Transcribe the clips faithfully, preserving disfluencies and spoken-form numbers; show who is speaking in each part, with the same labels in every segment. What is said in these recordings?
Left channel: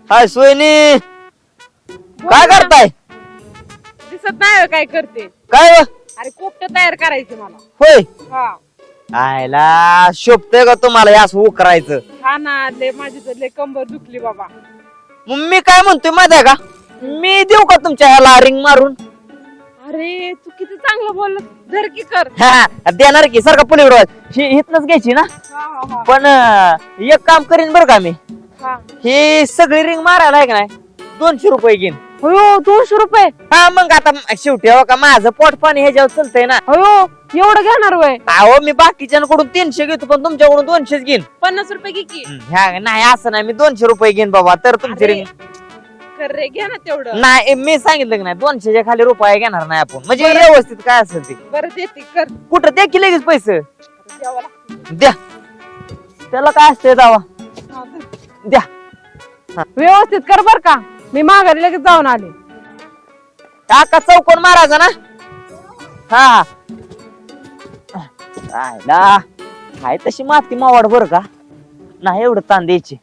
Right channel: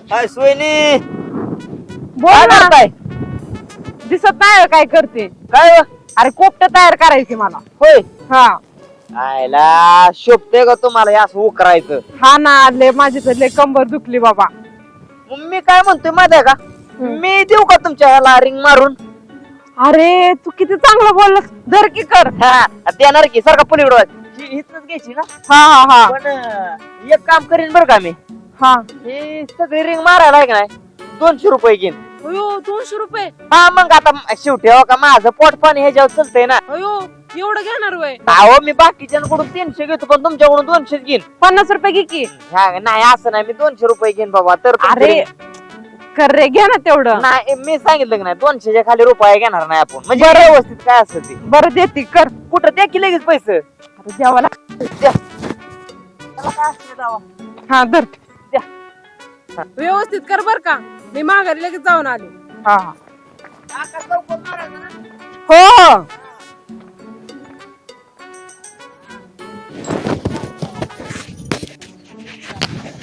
Speaker 1: हाय सोयने
Speaker 2: बोल
Speaker 1: काय
Speaker 2: ना.
Speaker 1: करताय?
Speaker 2: दिसत नाही काय करते.
Speaker 1: काय
Speaker 2: अरे कोपट तयार करायची मला.
Speaker 1: होय
Speaker 2: हा
Speaker 1: आयला शोभतोय का तुम्हाला हे असं करायचं?
Speaker 2: हा ना लय माझी तर लय कंबर दुखली बाबा.
Speaker 1: मग मी काय म्हणतोय माहिती आहे का, मी देऊ का तुमच्या ह्याला रिंग मारून?
Speaker 2: अरे तू किती चांगलं बोलला. धर की कर.
Speaker 1: हा, देणार की सारखं पुणे इथनच घ्यायची ना.
Speaker 2: हा हा हा
Speaker 1: पण अं, एक काम करीन बरं का मी,
Speaker 2: हा
Speaker 1: हे सगळी रिंग मारायला आहे का नाही दोनशे रुपये घेईन.
Speaker 2: अयो दोनशे रुपये.
Speaker 1: हा मग आता शेवटी हो का माझं पोट पाणी ह्याच्यावर चुलतंय ना.
Speaker 2: अयो एवढं घेणार वय.
Speaker 1: अहो मी बाकीच्यांकडून तीनशे घेतो पण तुमच्याकडून दोनशेच घेईन.
Speaker 2: पन्नास रुपये घे की.
Speaker 1: ह्या नाही असं नाही, मी दोनशे रुपये घेईन बाबा. तर तुमची
Speaker 2: अरे
Speaker 1: ring-
Speaker 2: कर रे घे ना तेवढं.
Speaker 1: नाही मी सांगितलं की नाही दोनशेच्या खाली रुपये घेणार नाही आपण, म्हणजे
Speaker 2: बरं.
Speaker 1: व्यवस्थित काय असेल ते.
Speaker 2: बरं देते कर.
Speaker 1: कुठं द्या की लगेच पैसे
Speaker 2: आता द्यावा लाग-
Speaker 1: द्या, त्याला काय असते दावा.
Speaker 2: हा धर.
Speaker 1: द्या
Speaker 2: व्यवस्थित कर बर का. मी माघारी लगेच जाऊन आले. हा
Speaker 1: टाका चौकोन मारायचा ना.
Speaker 2: हो हो
Speaker 1: हा राहिला काय तशी माती मावड बर का, नाही एवढं ताण द्यायची.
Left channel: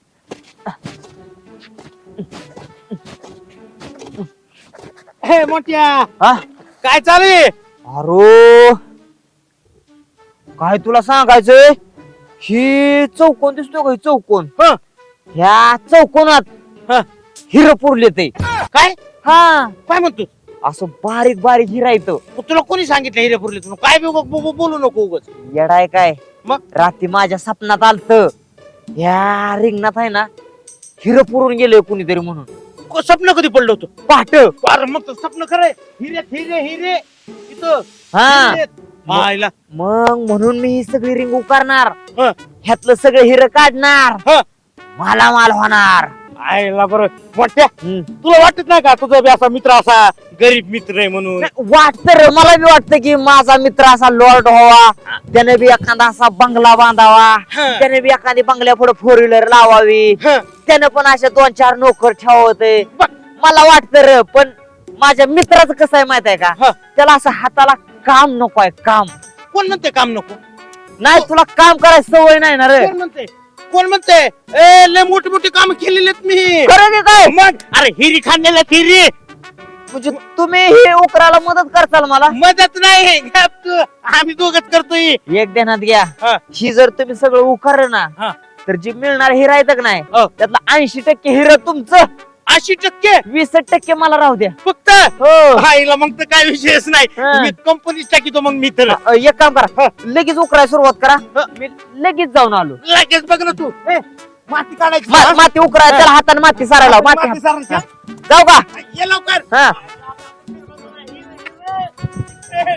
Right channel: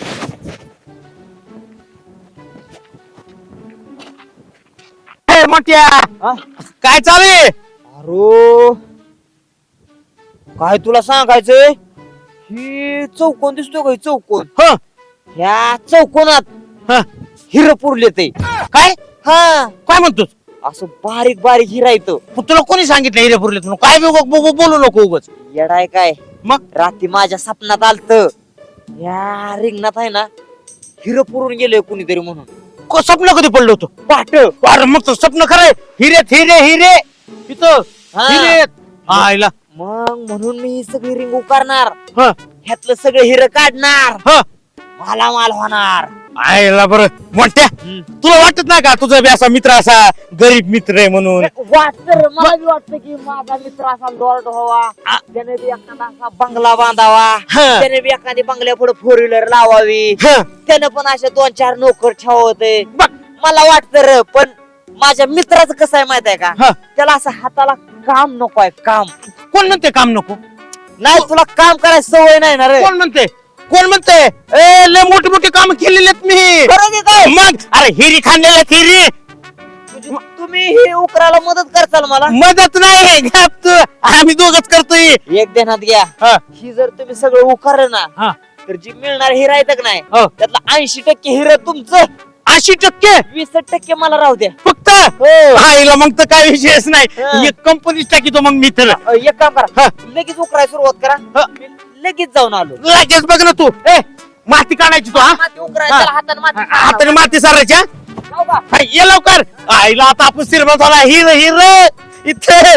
Speaker 3: हे मोठ्या
Speaker 1: हा
Speaker 3: काय चाले?
Speaker 1: अरो काय तुला सांगायचंय, हे चौकोन दिसतोय का हे चौकोन,
Speaker 3: हं,
Speaker 1: ह्या चौकोनात
Speaker 3: हं.
Speaker 1: हिरं पुरले ते.
Speaker 3: काय
Speaker 1: हा
Speaker 3: काय म्हणतोस?
Speaker 1: असं बारीक बारीक हिरा येतं.
Speaker 3: मग तुला कोणी सांगितलं हिरेपुरले? तुला काय बी उगा- बो- बोलू नको उगच.
Speaker 1: येडाय काय,
Speaker 3: मग
Speaker 1: रात्री माझ्या सपनात आलत, ह्या रिंगणात आहे ना हिरं पुरून गेले कुणीतरी म्हणून.
Speaker 3: को- स्वप्न कधी पडलं होतं?
Speaker 1: पाट
Speaker 3: अरे मग तर स्वप्न खरंय. हिरेत हिरे हिरे इथं
Speaker 1: हा.
Speaker 3: हिरेत. हा, आईला.
Speaker 1: मग म्हणून मी ही सगळी रिंग उकारणार,
Speaker 3: हा,
Speaker 1: ह्यातलं सगळं हिरं काढणार,
Speaker 3: हा.
Speaker 1: मला माल होणार.
Speaker 3: आईला बरं मोठ्या,
Speaker 1: हम्म.
Speaker 3: तुला वाटत नाही का तुझा बी असा मित्र असा गरीब मित्र आहे म्हणून?
Speaker 1: वाटत रे, मला बी वाटतं की माझा मित्र असा लॉर्ड व्हावा, त्याने बी एखादा असा बंगला बांधावा,
Speaker 3: हा.
Speaker 1: त्याने बी एखादी बंगल्या पुढे फोर व्हीलर लावावी,
Speaker 3: हं.
Speaker 1: त्याने पण अशा दोन चार नोकर ठेवते. मला वाटतं रे, पण माझ्या मित्राचं कसं आहे माहित आहे का,
Speaker 3: हं.
Speaker 1: त्याला असं हाताला काम नको आहे, काम.
Speaker 3: कोण म्हणते काम नको?
Speaker 1: नाही तुला काम करायची सवय नाही ना रे.
Speaker 3: कोण म्हणते? कोण म्हणते? ए लय मोठे मोठे काम केलेले आहेत मी.
Speaker 1: खरं की काय?
Speaker 3: मग अरे हिरी खाल्लेले हिरी.
Speaker 1: म्हणजे तुम्ही हे उकराला मदत करताल मला?
Speaker 3: मदत नाही गप तू. आम्ही दोघच करतोय.
Speaker 1: एक देण्यात घ्या,
Speaker 3: हा.
Speaker 1: ही जर तुम्ही सगळं उकर ना,
Speaker 3: हा.
Speaker 1: तर जे मिळणार हिरा येतं का नाही,
Speaker 3: हो.
Speaker 1: त्यातला ऐंशी टक्के हिरा तुमचं,
Speaker 3: ऐंशी टक्के
Speaker 1: वीस टक्के मला राहू द्या.
Speaker 3: फक्त.
Speaker 1: हो.
Speaker 3: आईला मग तर काय विषयच नाही.
Speaker 1: हा.
Speaker 3: मी कंपनीच टाकीतो मग मी तुला.
Speaker 1: अ, एक काम करा, लगेच उकरायला सुरुवात करा. मी लगेच जाऊन आलो.
Speaker 3: लगेच बघ ना तू. ए माती काढायची
Speaker 1: मा-
Speaker 3: हा?
Speaker 1: माती उकरायला,
Speaker 3: हा.
Speaker 1: त्याला हाताने माती
Speaker 3: हाताने
Speaker 1: सारायला.
Speaker 3: माती सारायच्या.
Speaker 1: जाऊ का?
Speaker 3: हा, ये लवकर.
Speaker 1: हा.
Speaker 3: आईला आता आपण सिरबा झाला. हिर हिर इथे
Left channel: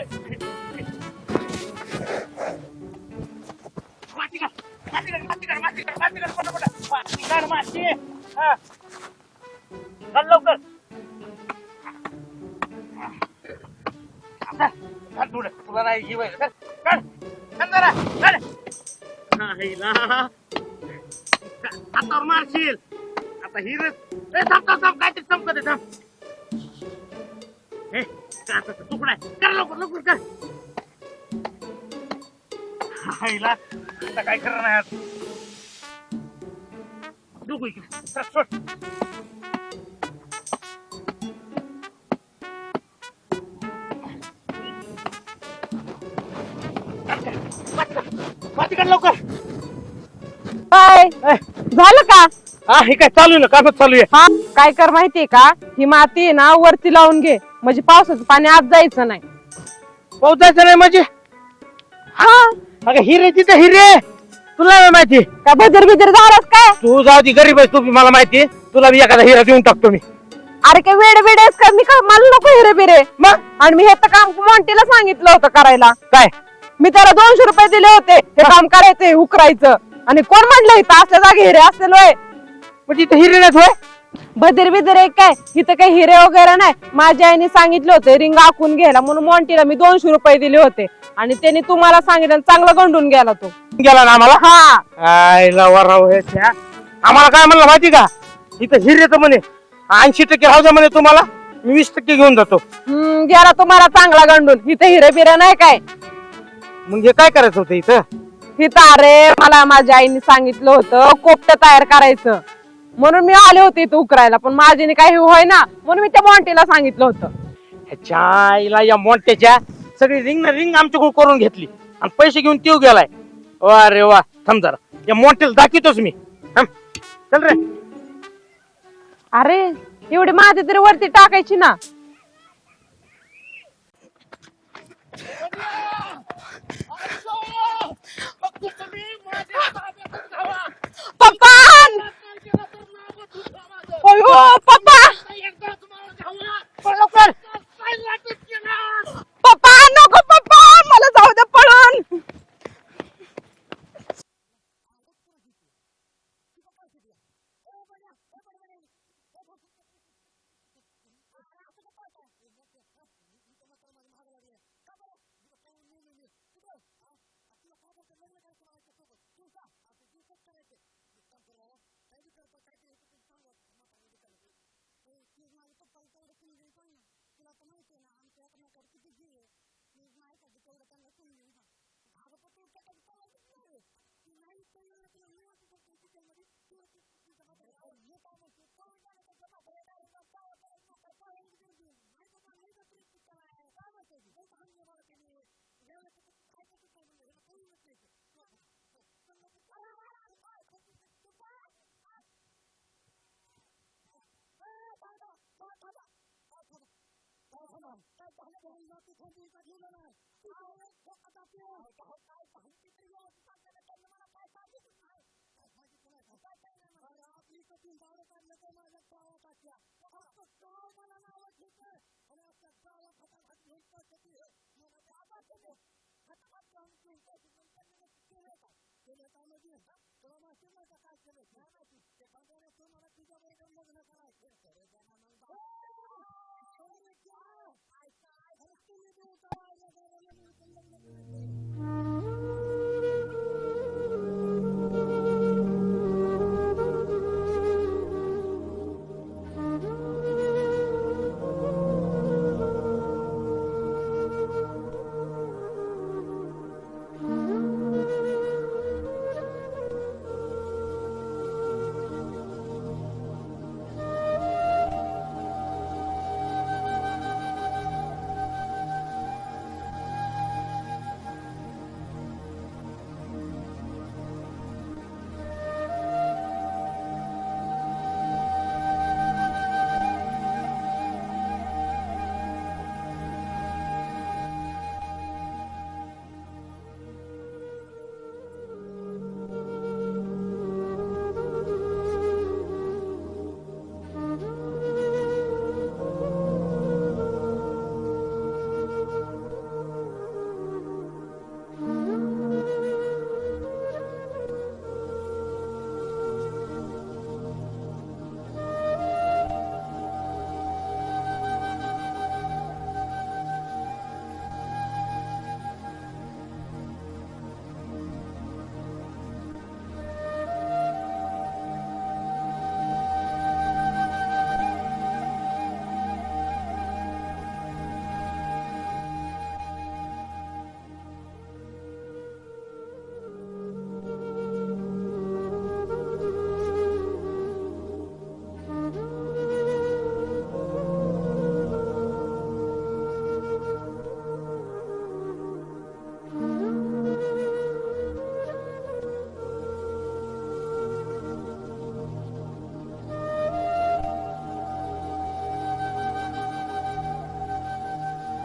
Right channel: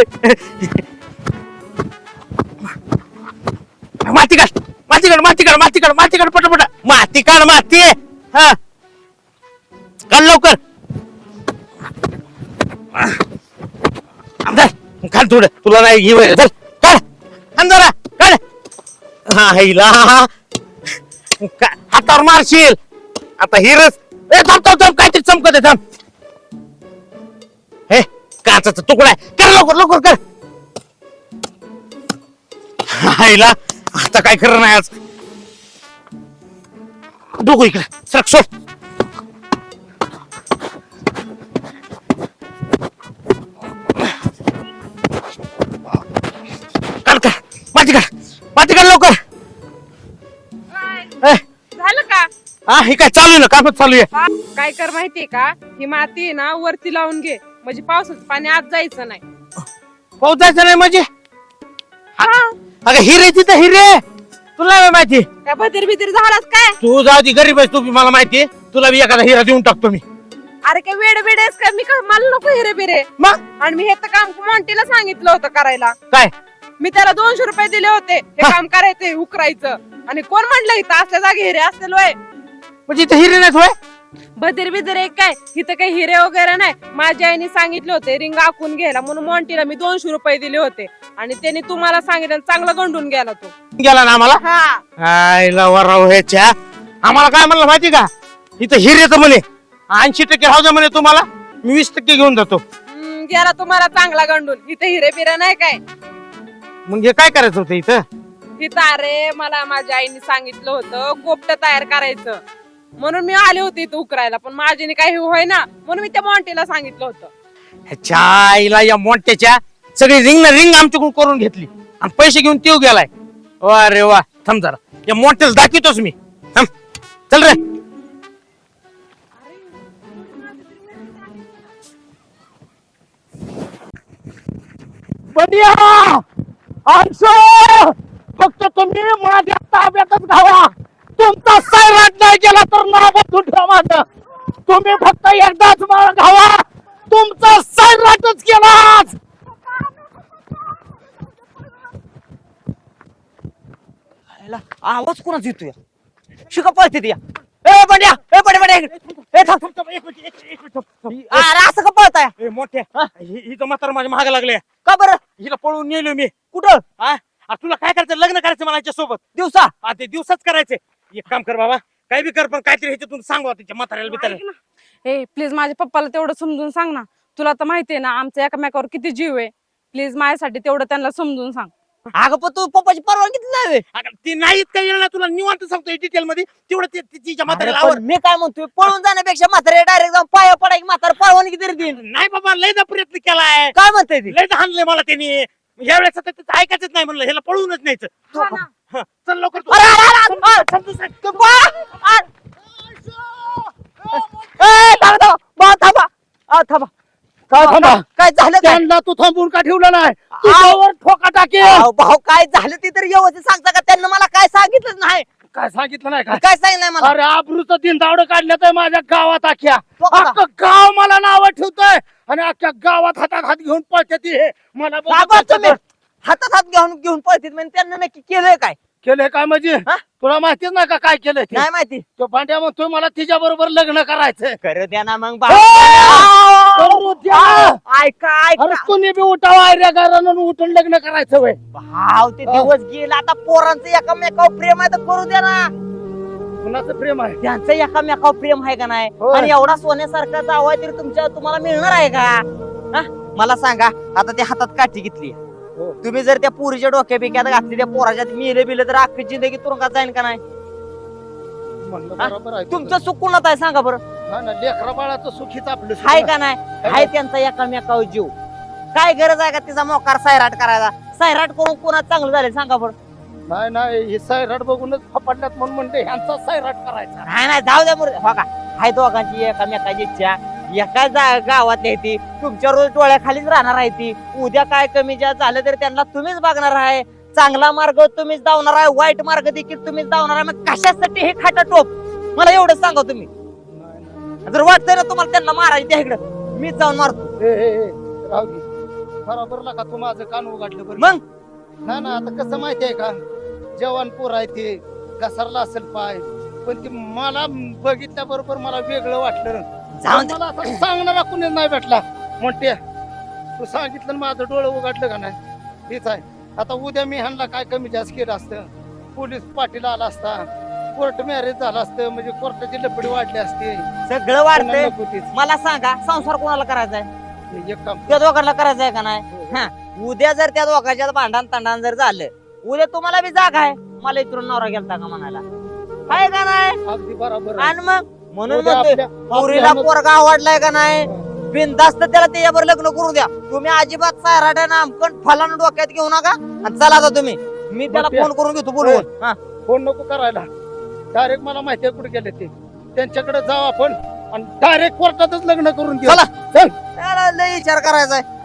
Speaker 3: माती काढ माती काढ माती काढ माती काढ माती काढ पटापट माती काढ माती. हा काढ लवकर. धर, काढ थोडं, तुला नाही घे वगैरे. धर काढ आण जरा काढ. हा हिला का- हातावर मारशील आता हिरच. ए थांब थांब थांब काहीतरी चमकत आहे, थांब. हे काचाचा तुकडा आहे, कर लवकर लवकर कर. हायला आता काय खरं नाही आज. डोकं इकडे सरक सोड. काढ काढ माती काढ माती काढ लवकर.
Speaker 2: काय
Speaker 3: ए,
Speaker 2: झालं का?
Speaker 3: हा हे काय चालू आहे ना, कामच चालू आहे.
Speaker 2: हा काय कर माहितीये का, ही माती आहे ना वरती लावून घे, म्हणजे पावसाचं पाणी आत जायचं नाही.
Speaker 3: पाऊस जायचं नाही म्हणजे?
Speaker 2: हा
Speaker 3: अगं हिरे तिथे हिरे तुला नाही माहिती.
Speaker 2: काय बदर बिदर झालास काय?
Speaker 3: तू जाऊ ती गरीब आहेस तू बी, मला माहिती. तुला बी एखादा हिरा देऊन टाकतो मी.
Speaker 2: अरे काय वेड वेड आहेस का? मी का मला नको हिरे बिरे.
Speaker 3: मग
Speaker 2: आणि मी हे तर काम मोंटीला सांगितलं होतं करायला.
Speaker 3: काय
Speaker 2: मी त्याला दोनशे रुपये दिले होते हे काम करायचंय उकरायचं. आणि कोण म्हणलं इथं असल्या जागे हिरे असतील होय?
Speaker 3: म्हणजे इथे हिरे नाहीत होय?
Speaker 2: बदर बिदर एक काय, इथं काही हिरे वगैरे नाही. माझ्या आईने सांगितलं होतं रिंग आखून घ्यायला, म्हणून मोंटीला मी दोनशे रुपये दिले होते. आणि त्याने तुम्हाला सांगितलं, चांगला गंडून गेला तो.
Speaker 3: गेला ना आम्हाला.
Speaker 2: हा
Speaker 3: आयला वराव ह्याच्या. आम्हाला काय म्हणलं माहिती का, इथं हिरे तर म्हणे ऐंशी टक्के राहू द्या म्हणे तुम्हाला, मी वीस टक्के घेऊन जातो.
Speaker 2: हम्म, गेला तुम्हाला चांगला गंडून. इथं हिरे बिरे नाही काय.
Speaker 3: म्हणजे काय करायचं होतं इथं?
Speaker 2: इथं अरे मला माझ्या आईने सांगितलं होतं कोपट तयार करायचं. म्हणून मी आले होते इथं उकरायला, पण माझ्याने काही होय ना, म्हणून मी त्या मॉन्टीला सांगितलं होतं.
Speaker 3: ह्याच्या आईला या मोठ्याच्या सगळी रिंग ना रिंग आमच्याकडून करून घेतली आणि पैसे घेऊन तीव गेलाय. वा रे वा, थांब जरा या मोठ्याला दाखवतोच मी. थांब, चल रे.
Speaker 2: अरे एवढी माझी तरी वरती टाकायची ना.
Speaker 3: बढिया असो, फक्त तुम्ही माझ्या ताब्यातच घावा. तुमचा सैराट नाही केला तर नाव तुझ्या माझं. तुम्ही फक्त एकदाच मला घावा, तुमचा सैराटच केला.
Speaker 2: पप्पा नको पप्पा, मला जाऊ दे पळून.
Speaker 1: ह्याला आवाज कोणाच येतोय? शिका पळते ती. ए बंड्या, ए बंड्या बंड्या इकडे. ए थांब. अरे असं का पळताय?
Speaker 3: ए मोठ्या, हि- हिचं म्हातारं माझ्या महाग लागले.
Speaker 1: का बरं?
Speaker 3: हिला पळून नेलो मी.
Speaker 1: कुठं?
Speaker 3: हा? आ, तुला काय करायचं? लग्न करायचं मला सोबत.
Speaker 1: दिवसा?
Speaker 3: हा, ते दिवसाच करायचे. एक काम कर बाबा, काय बी कर, पण काहीतरी ह्याच्यातून सांगवा तिच्या म्हाताऱ्याला बिताऱ्याला.
Speaker 2: ए प्लीज माझ्या पप्पाला तेवढं समजून सांग ना. तुला तर माहितीये ना आमच्या एकमेकावर किती जीव आहे. प्लीज माझ्यासाठी तेवढं त्यांना समजून सांग.
Speaker 1: अगं पण तू पप्पाची परवानगी नाही व्हय?
Speaker 3: अगं, ती नाहीत काही येणार, तुला निवांत सांगतो डिटेल मध्ये. तेवढं ते- ती- तिच्या
Speaker 1: अरे
Speaker 3: म्हाताऱ्याला
Speaker 1: पण
Speaker 3: आवड.
Speaker 1: मी काय म्हणतोय, पळून जाण्यापेक्षा म्हातारे डायरेक्ट जाऊन पाया पडाय, म्हातारा परवानगी तरी देईन.
Speaker 3: नाही बाबा, लयदा प्रयत्न केलाय,
Speaker 1: काय म्हणताय ती?
Speaker 3: लयदा हाणलंय मला त्यांनी. या वेळेस आता त्याचं ऐकायचंच नाही म्हणलं, ह्याला पळूनच न्यायचं.
Speaker 2: हा ना.
Speaker 3: हा, चल लवकर तू.
Speaker 1: अरे, अरे, अरे, अरे,
Speaker 3: समजून सांग.
Speaker 1: तू पळ. अरे. ए, थांबा, थांबा. बा, थांबा. आ, थांबा.
Speaker 3: काय थांबा?
Speaker 1: काय झालं काय?
Speaker 3: त्यांना तू थांबून का ठेवलं नाही? तुझ्यावर ठोका टाकेल.
Speaker 1: अहो, भाऊ काय झालं ते तरी व्यवस्थित सांगता का? त्यांना मला काय सांगितलंच नाही.
Speaker 3: काय सांगितलं नाही का?
Speaker 1: काय सांगितलं मला?
Speaker 3: अरे आबरूचं दिन दावडं काढण्यात आहे माझ्या गावात अख्ख्या.
Speaker 1: तो कसा?
Speaker 3: अख्खं गाव मला नाव ठेवतोय आणि अख्ख्या गावात हातात हात घेऊन पळते ती. हे मला बघून
Speaker 1: बाबा
Speaker 3: त्याचं
Speaker 1: तुम्ही
Speaker 3: तर-
Speaker 1: हातात हात घेऊन घेऊन पळतील म्हणजे त्यांना नक्की केलंय काय?
Speaker 3: केलंय काय म्हणजे?
Speaker 1: हा?
Speaker 3: तुला माहितीच नाही का काय केलंय ते?
Speaker 1: नाही माहिती.
Speaker 3: तो भांड्या म्हणतोय मला तिच्या बरोबर लग्न करायचंय.
Speaker 1: करू द्या ना मग.
Speaker 3: करू द्या.
Speaker 1: ऐका
Speaker 3: अरे
Speaker 1: ऐका
Speaker 3: तुम्ही बी उठावा, आयऱ्या घरानं उठून लग्न करायचं वय.
Speaker 1: भाव ते दिवस गेले आता. पोरांचं एकामेकावर प्रेम आहे तर करू द्या ना.
Speaker 3: कुणाचं प्रेम आहे?
Speaker 1: त्यांचं एकामेकावर प्रेम आहे का नाही?
Speaker 3: होय.
Speaker 1: आणि एवढा सोन्यासारखा जावा तरी तुमच्या तुम्हाला मिळणार आहे का? हा? मला सांगा, आता ते हातात काठी घेतली, तुम्ही जर त्या पुरीच्या डोक्या बिक्यात घातली, त्या पोराच्या मिले बिले तर अख्खी जिंदगी तुरुंगात जाईल का नाही?
Speaker 3: म्हणलं बरोबर आहे.
Speaker 1: तुमचं सुख कुणात आहे सांगा बरं?
Speaker 3: हा ना, लेकरा बाळाचं सुखीच आपलं सुख
Speaker 1: हाय
Speaker 3: आहे.
Speaker 1: का नाही? हाय त्यांचा एकामेकावर जीव. काय गरज आहे का तिचा मोकार सायराट करायचा? सायराट करून कोणात चांगलं झालं सांगा बरं?
Speaker 3: नाही नाही, हे सैराट बघूनच फपाटल्यात म्हणून म्हणते ह्यांचा सैराट करायचा.
Speaker 1: नाही नाही, जाऊ द्या बरं. बघा, हाय दोघांची एकामेकाची इच्छा. एका जा- गावात आहे ती, तुमच्या रोज डोळ्याखालीच राहणार आहे ती. उद्या काय कमी जास्त झालं तरी त्यांना तुम्हीच बघणार आहे. चांगला मार्ग तुम्हीच धावणार आहे, वाईट मार्ग देखील तुम्हीच धावणार आहे. मग कशासाठी हे खाटा टोप? मला एवढं सांगा तुम्ही. जर वाटतंय ना तुम्हाला त्यांना मारायचं त्या इकडं, मीच जाऊन मारतो.
Speaker 3: ए, ए, ए, राहू दे. बरोबर नका तू माझं कान उघडलं बरं.
Speaker 1: मग
Speaker 3: ना ना, आता कसं माहितीये का, जवान पोर आहे ते, घसरला असेल पाय, पण ते मला बघितल्या बरोबर मला वेगळं वाटलं.
Speaker 1: जाऊन दे.
Speaker 3: मला असं सांगणारा कुणीच नाही भेटला. म्हणते तू सांगितलं आणि माझं डोळं उघडलं का नाही, हेच आहे. आता उद्या मी ह्यांना काय कमी जास्त केलं असतं, पोलीस पाटील आला असता, कोर्ट मॅरेज झालं असतं, म्हणजे कोर्टाची लपडी वाढली असती.
Speaker 1: सगळं वाढतंय.
Speaker 3: नको तेच.
Speaker 1: मला सांगा, संसार कोणाला करायचा आहे?
Speaker 3: एक काम
Speaker 1: त्या दोघांना करायचं आहे का नाही? हा, उद्या जर त्या दोघांच्या भांडण तांडण जर झालं, उद्या तुम्हाला बी जागा आहे, मला इथून नवरा गेलता का म्हणायला, आहे का नाही?
Speaker 3: अगदी बरोबर आहे.
Speaker 1: आणि मग म्हणून
Speaker 3: उद्या
Speaker 1: म्हणतोय,
Speaker 3: आपल्या-
Speaker 1: पोरीला
Speaker 3: आपल्या-
Speaker 1: पोरगा आवडलाय का नाही, बिनधास्त त्याला त्याच्यावर लग्न करू द्या. तुम्ही अजिबात सायराट्या नामकण फलानं डोक्यात घेऊ नका. आणि चला आता तुम्ही, मी त्याला
Speaker 3: बरं.
Speaker 1: फोन करून घेतो बोलवून. हा.
Speaker 3: फोन नको करायला, डायरेक्ट मला माहिती आहे कुठे गेले ते, त्यांच्याकडे जाऊ आपण आणि डायरेक्ट कोर्टातच लग्न करून घेऊ.
Speaker 1: चला.
Speaker 3: चल.
Speaker 1: त्याला लय विचार करायचा आहे.